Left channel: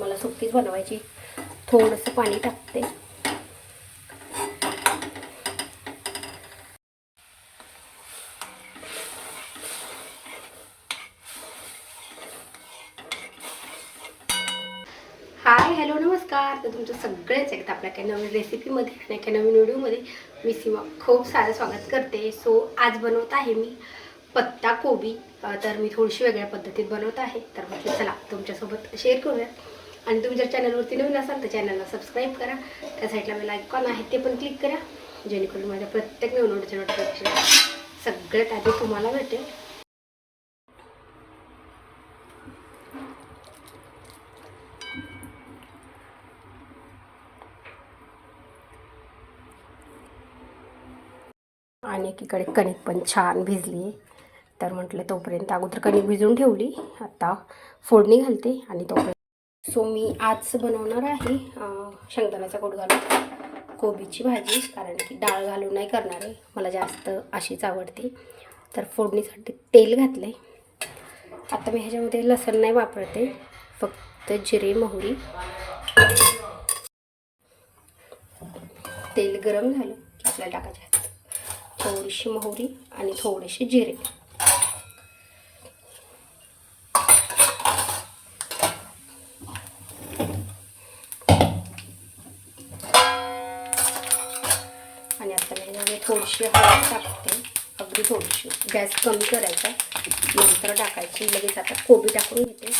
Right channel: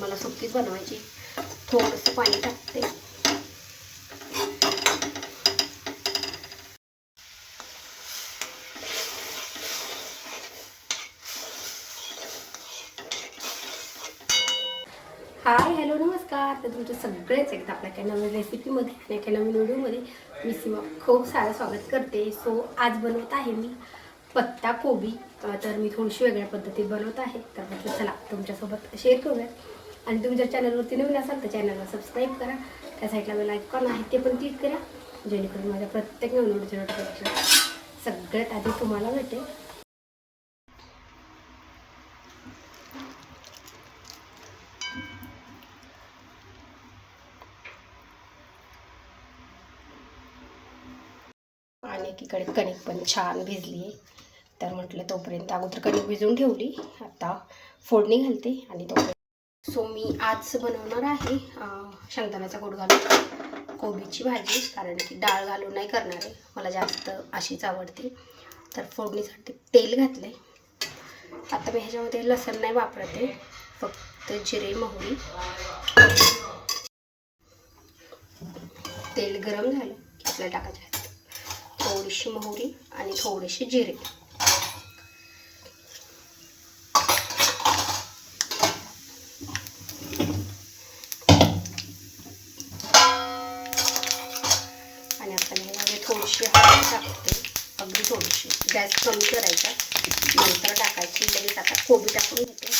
मला सुकीच बनवायची. थोडंसं पाणी टाकते. हाय हॅलो नमस्कार. तर तुमचं सगळेच एकदा आपल्या काही नवीन रेसिपीमध्ये आणि एका नवीन व्हिडिओमध्ये मी सीमा खूप सारं स्वागत करते. सो आज बनवत आहे मी पत्ता कोबी. तर मी थोडीशी वेगळ्या पद्धतीत बनवत आहे. तर म्हटलं चला तुमच्यासोबत शेअर करूया. आणि तुम्ही जर चॅनलवरती नवीन असाल तर चॅनलला सबस्क्राईब करा. त्या साईडला बेल आयकॉन आहे ते पण क्लिक करा, जेणेकरून माझ्या प्रत्येक नवीन व्हिडिओचे नोटिफिकेशन सगळ्यात आधी तुम्हाला भेटेल. आणि एकीकडे कणिक पण छान भिजली आहे. तर म्हटलं तोपर्यंत अगोदर कणिक भिजवून ठेवली, आता फोडणी घालते आणि तोपर्यंत. सो मी आज बनवणार आहे शेंगदाण्याचा कूट घालून कोबीची भाजी, कारण की डाळ घालून नाही करणार आहे, मला जास्त अशीच आवडते. तर फोडणीसाठी तेल घातलं आहे. आता मी ह्याच्यामध्ये लसूण नाही वापरते, फक्त जिरे मोहरी. तेल गरम झालं की आपल्याला टाकायचे थोडीशी मोहरी आणि थोडेसे जिरे. आणि आता ह्याच्यामध्ये थोडीशी हळद टाकते, अगदी थोडीशी. गॅस कमी करायचा, नंतर टाकायची. लगेच आता कोबी टाकून घेते.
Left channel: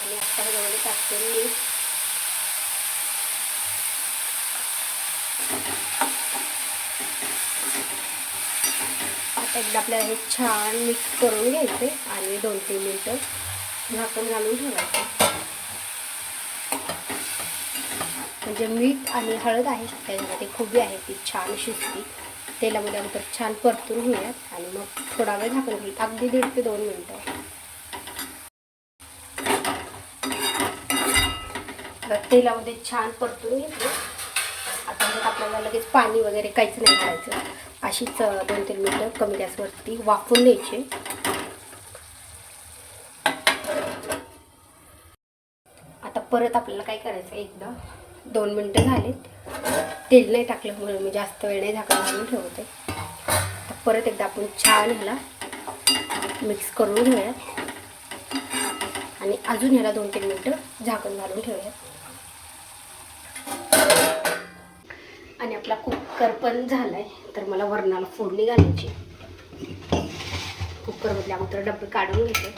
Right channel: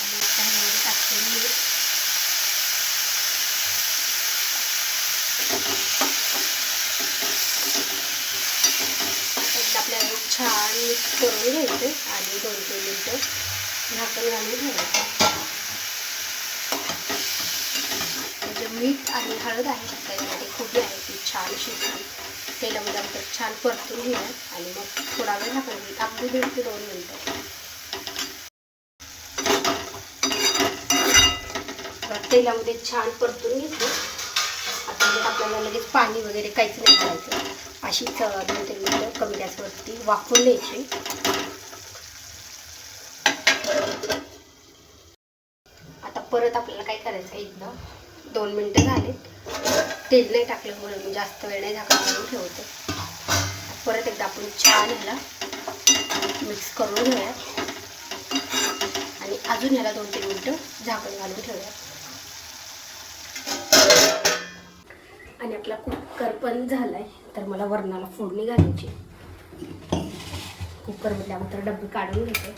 आणि आता ह्याच्यामध्ये टाकते मीठ. एकदा आपल्याला छान मिक्स करून घ्यायचं आणि 2-3 मिनटं झाकण घालून ठेवायचं. म्हणजे मीठ आणि हळद आहे त्याच्यामध्ये, कोबी आहे ती छान शिजली. तेलामध्ये नंतर छान परतून घेऊयात आणि मग थोडा वेळ झाकून घेऊ, अगदी 1.5 ते 2 मिनटं. तेलामध्ये छान परतून घेतलं. आता मग आपल्याला लगेच पाणी वगैरे काहीच नाही करायचं, अशीच 2-3 मिनटं कमी गॅसवरती वाफवून घ्यायची. आता परत आपल्याला काय करायचं, एकदा 2 मिनटं झाले, तेल नाही टाकलं म्हणून मी जास्त वेळ नाही झाकण घालून ठेवते. परत एकदा आपण छान ह्याला मिक्स करून घेऊयात आणि अजून ह्याला 2-3 मिनटं झाकण घालून ठेवूयात. आणि आपला कुकर पण झालाय. तर मला वरणाला फोडणी घालायची. कुकरमधले अगोदर डबे काढून घेते.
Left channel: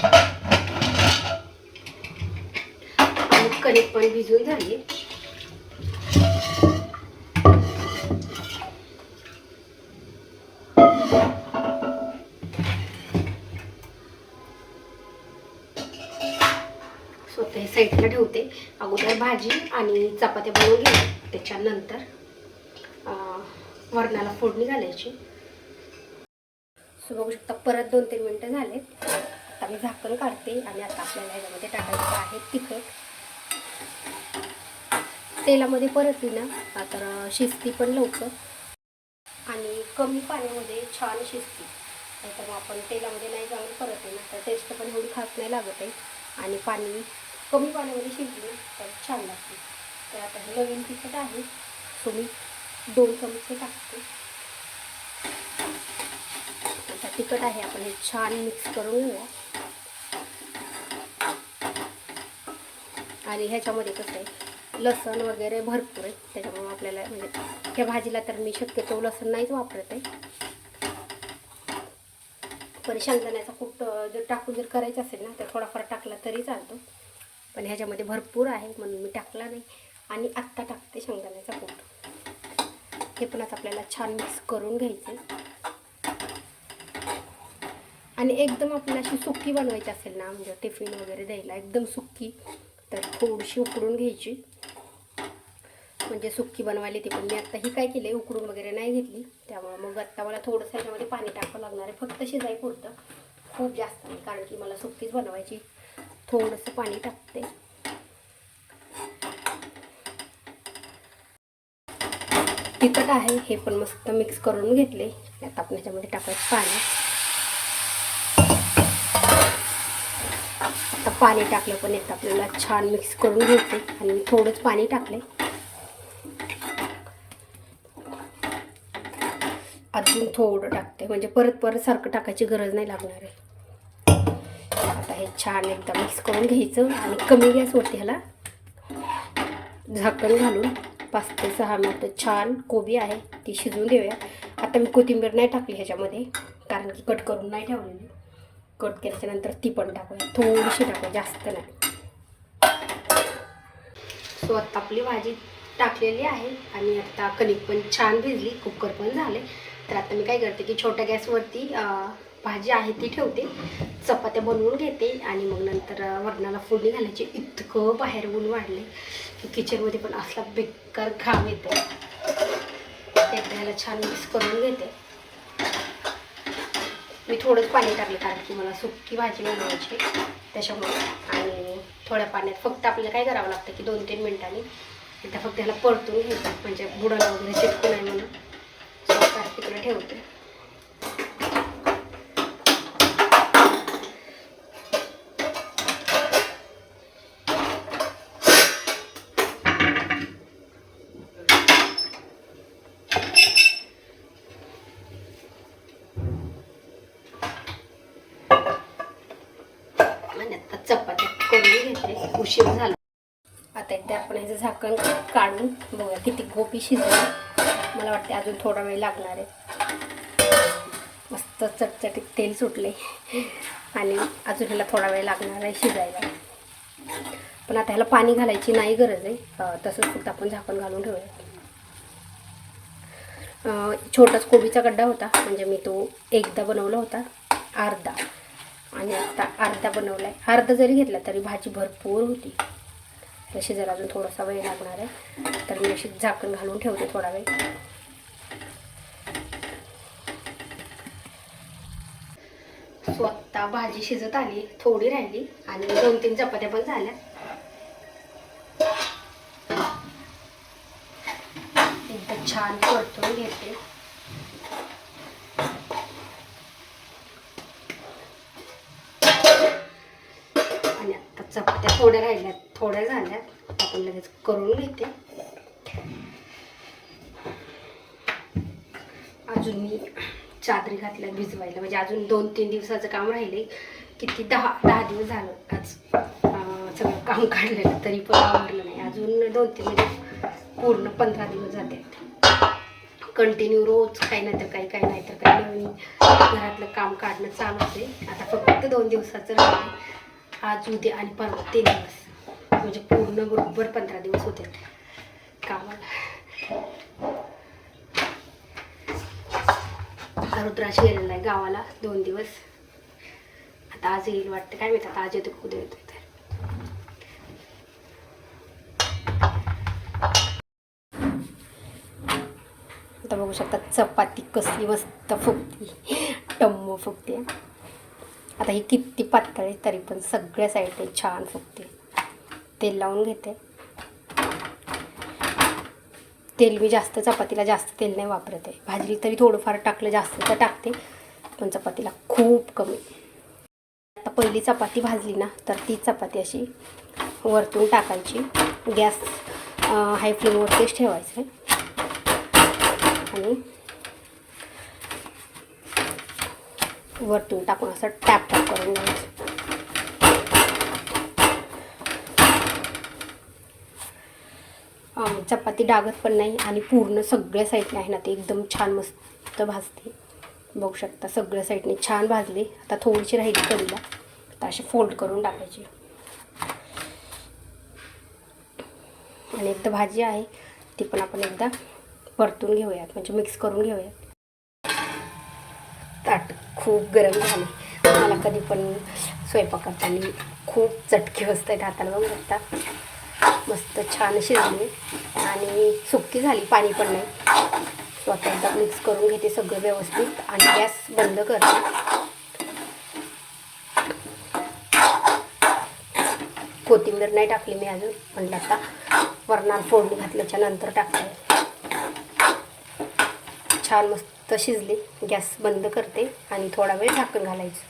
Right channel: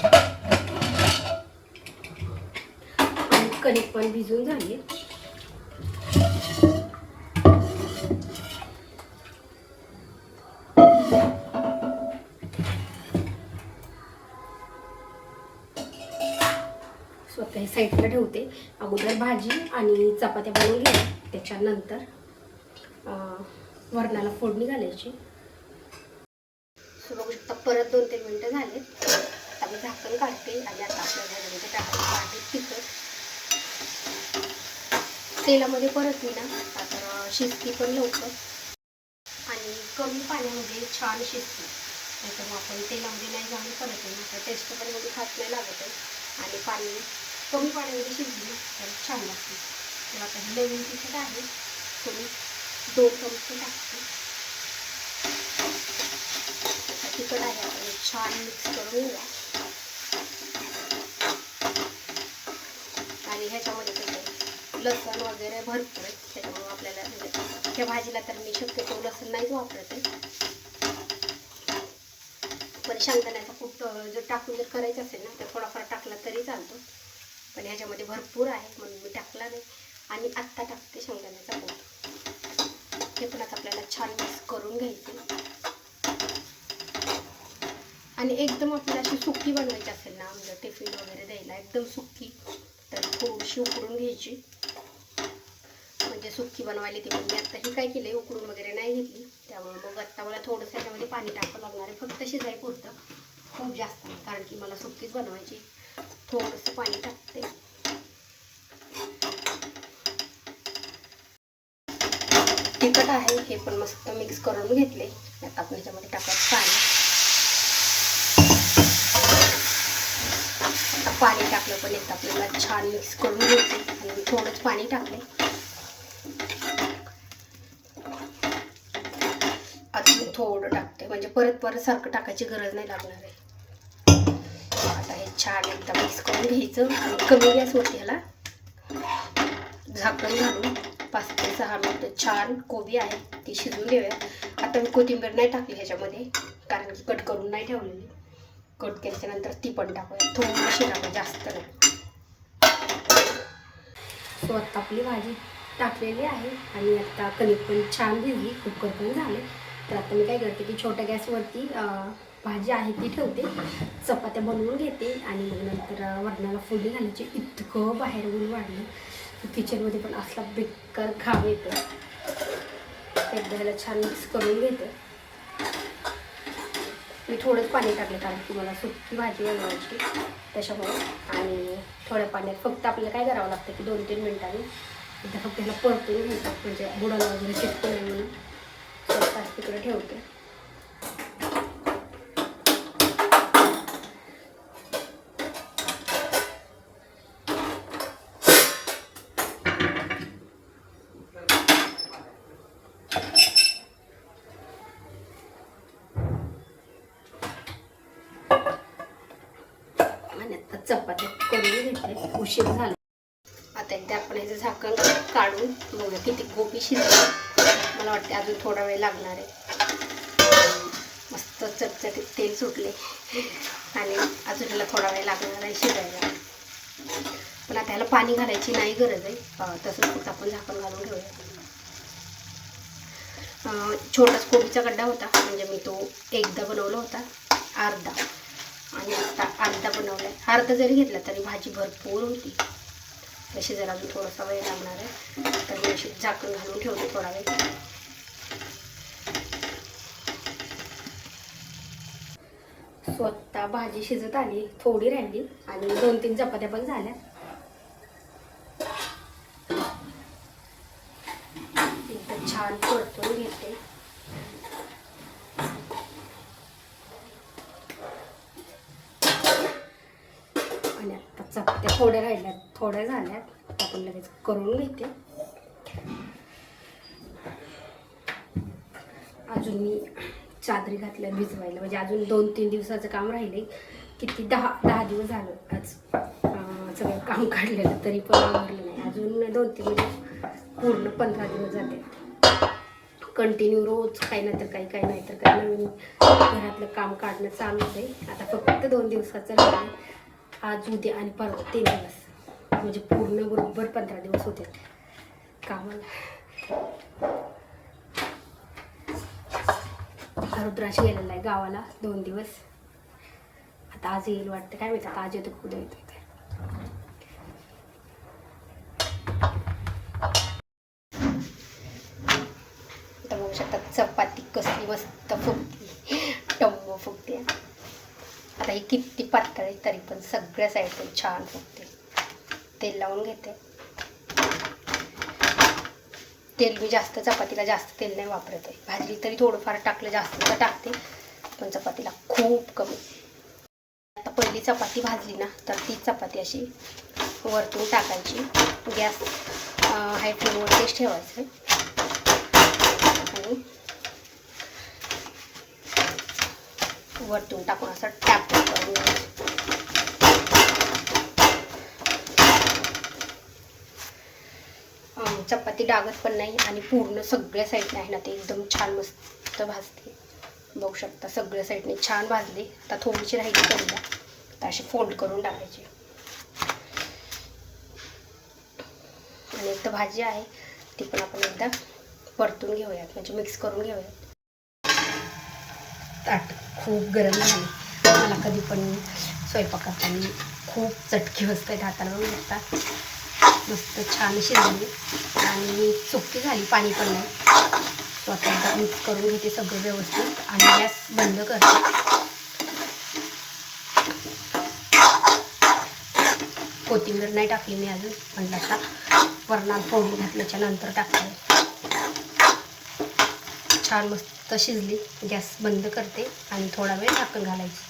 आणि कणिक पण भिजून झाली. स्वतः साईडला ठेवते. अगोदर भाजी आणि चपात्या बनवून घ्यायच्या, त्याच्यानंतर वरणाला फोडणी घालायची. सो बघू शकता परत 2-3 मिनटं झाले. आता मी झाकण काढते आणि आता आपल्याला याच्यामध्ये टाकायचं आहे तिखट. तेलामध्ये परतली ना तर शिजती पण लवकर आणि कमी पाण्यामध्ये छान शिजते. नाही तर मग आपण तेलामध्ये नाही घालून परतली ना तर टेस्ट पण एवढी खास नाही लागत आहे. आणि पाणी कमी पाण्यामध्ये शिजली तर छान लागते. तर आता हे नवीन तिखट आहे, सो मी 2 चमचे टाकते. तिखट आहे, आपण छान मिक्स करून घेऊया. आणि ह्याच्यामध्ये कसं आहे, लसूण वगैरे भरपूर आहे, त्याच्यामुळे आपल्याला ह्या भाजीला तर मी शक्यतो लसूण नाहीच वापरत आहे. पण शेंगदाण्याचा कूट जर टाकून जर करायचं असेल ना तर थोडाफार टाकला तरी चालतो, पण ह्याच्यामध्ये भरपूर आहे म्हणून मी टाकला नाही. आणि आत्ता टाकते शेंगदाण्याचा कूट. हे पण आता आपल्याला छान मिक्स करून घ्यायचं. आणि एकदम आपल्याला अशी सुकी बनवायची असेल ना, म्हणजे टिफिन वगैरे द्यायला एकदम सुकी, तर थोडीशी उकडून घ्यायची. म्हणजे म्हणजे सुक्की बनवायला ती पण मी आता ही काय केलं उकडून वगैरे नाही घेतली, त्यामुळे मग आता मला थोडंसं ह्याच्यामध्ये पाणी टाकावं लागणार आहे, फक्त शिजाय पुरतं, खूप जास्त नाही, कारण की मला सुक्कीच बनवायची. थोडंसं पाणी टाकते. तिखट आहे हे पण मस्त मिक्स करून घेतले. आता आपण ह्याच्यामध्ये टाकायचं पाणी. आता पाणी टाकलं पण एकदा आपल्याला छान मिक्स करून घ्यायचे आणि थोडंच पाणी टाकले. अजून थोडं टाकते, म्हणजे परत परत सारखं टाकायची गरज नाही लागणार आहे. आता हे छान एकदा मिक्स करून घ्यायचं आणि कमी गॅसवरती ह्याला झाकण घालून 5 ते 6 मिनिटं छान कोबी आहे ती शिजवून देऊया. आता मी कोथिंबीर नाही टाकली ह्याच्यामध्ये, कारण की कट करून नाही ठेवलेली. कट केल्याच्यानंतर ती पण टाकूया, थोडीशी टाकूया, जास्त नाही. सो आता आपली भाजी टाकलेली आहे आणि आता कणिक पण छान भिजली, कुकर पण झाले. तर आता मी काय करते की छोट्या गॅसवरती भाजी आहे ती ठेवते, चपात्या बनवून घेते आणि मग नंतर वरणाला फोडणी घालायची. इतकं बाहेर ऊन वाढले की किचनमध्ये पण असला बेकार घाम येतो. एकदा छान मिक्स करून घेते. मी थोडंच पाणी टाकले कारण की मला सुक्की भाजी बनवायची त्याच्यामुळे. आणि थोड्या पाण्यात फक्त आपल्याला काय करावं लागतं की 2-3 मिनिटांनी एकदा फक्त ह्याला परतून घ्यायचं, म्हणजे बुडाला वगैरे चिटकू नाही म्हणून. तिकडे ठेवते. आणि आता चपाती करून घेते, उशीर झाला. आता एकदा आपण याचं झाकण काढून बघूया किती कोबी शिजली. मला वाटते अजून थोडा वेळ लागणार आहे. मस्त चटचटीत तेल सुटले आणि अजून ह्याला थोडा वेळ लागणार आहे शिजायला. पण आता ह्याला पाणी घालायची नाही गरज आहे, तसंच फक्त आपण झाकण घालून ठेवूया. छोटाच कोबीचा गड्डा होता, म्हणजे मी तो एकदा बनवला होता अर्धा, आणि आता अर्धा बनवला आहे. अर्धा जरी घेतला तरी भाजी भरपूर होती. तशी जर अजून थोडासा वेळ लागणार आहे, तर मी अशी झाकण घालून ठेवते थोडा वेळ. स्वतः भाजी शिजत आली, थोडी राहिली आणि 2-3 चपात्या पण झाल्या. एकदम छान परतून घेते. आणि आता चपात्या थोड्या राहिल्यात, थोड्या झाल्यात, आपण लगेच करून घेते. अजून मी चादरी घातल्या भिजवायला, म्हणजे अजून 2-3 दिवसाचं काम राहिले. किती 10 दिवस झालं आज सगळं काम काढलेलं, तरी पण आवरलं नाही. अजून 2-3 म्हणजे पूर्ण 15 दिवस जाते कंटिन्यू. रोज काही नाही तर काही नाही तर काही नवीन घरातलं काम काढणं चालू आहे. आता फक्त 2 दिवसाचं राहिलं, आज उद्या आणि परवा 3 दिवस, म्हणजे पूर्ण बरोबर 15 दिवस होते कामाला. रुद्राक्ष गेलेला आहे गावाला 2 दिवस. आता आज येईल वाटतं, काय माहिती आता आज येतो उद्या येतो. आता बघू शकता चपाती कसली मस्त फुगती, टम्म फुगते. आता ही किती पातळ आहे तरी पण सगळ्या साईडने छान फुगते. तेल लावून घेते. तेल मी जास्त चपातीला जास्त तेल नाही वापरत आहे. भाजी तरी थोडंफार टाकलं, जास्त तर टाकते, पण चपातीला खूप कमी. आता पहिली चपाती भाजली ना, तर ती चपाती अशी वरतून टाकायची. गॅस हाय फ्लेमवरतीच ठेवायचं आणि वरतून टाकून असं टॅप करून घ्यायचं. चपाती डागत पण नाही आणि पूर्ण सगळ्या साईडने आहे ना ते एकदम छान मस्त भाजते. बघू शकता सगळ्या साईडने छान भाजली. आता थोडीशी राहिली कढीला, आता अशी फोल्ड करून टाकायची. आणि एक तर भाजी आहे ती पण आपण एकदा परतून घेऊयात, म्हणजे मिक्स करून घेऊयात. ताट खूप गरम झाले. मला कधी पण स्वयंपाक करताना खूप चटके बसत आहेत हाताला, बघू शकता. मस्त छान शिजली आणि सुक्की झाली, पाणी पण नाही. सो आता एकदा मिक्स करून घेते सगळं व्यवस्थित आणि गॅस बंद करते. कोथिंबीर नाही टाकली मी अजून, म्हणलं आता वरणाला फोडणी घातल्याच्या नंतर टाकते. छान मस्त शिजली. गॅस बंद करते आणि थोडा वेळ झाकण घालायचं.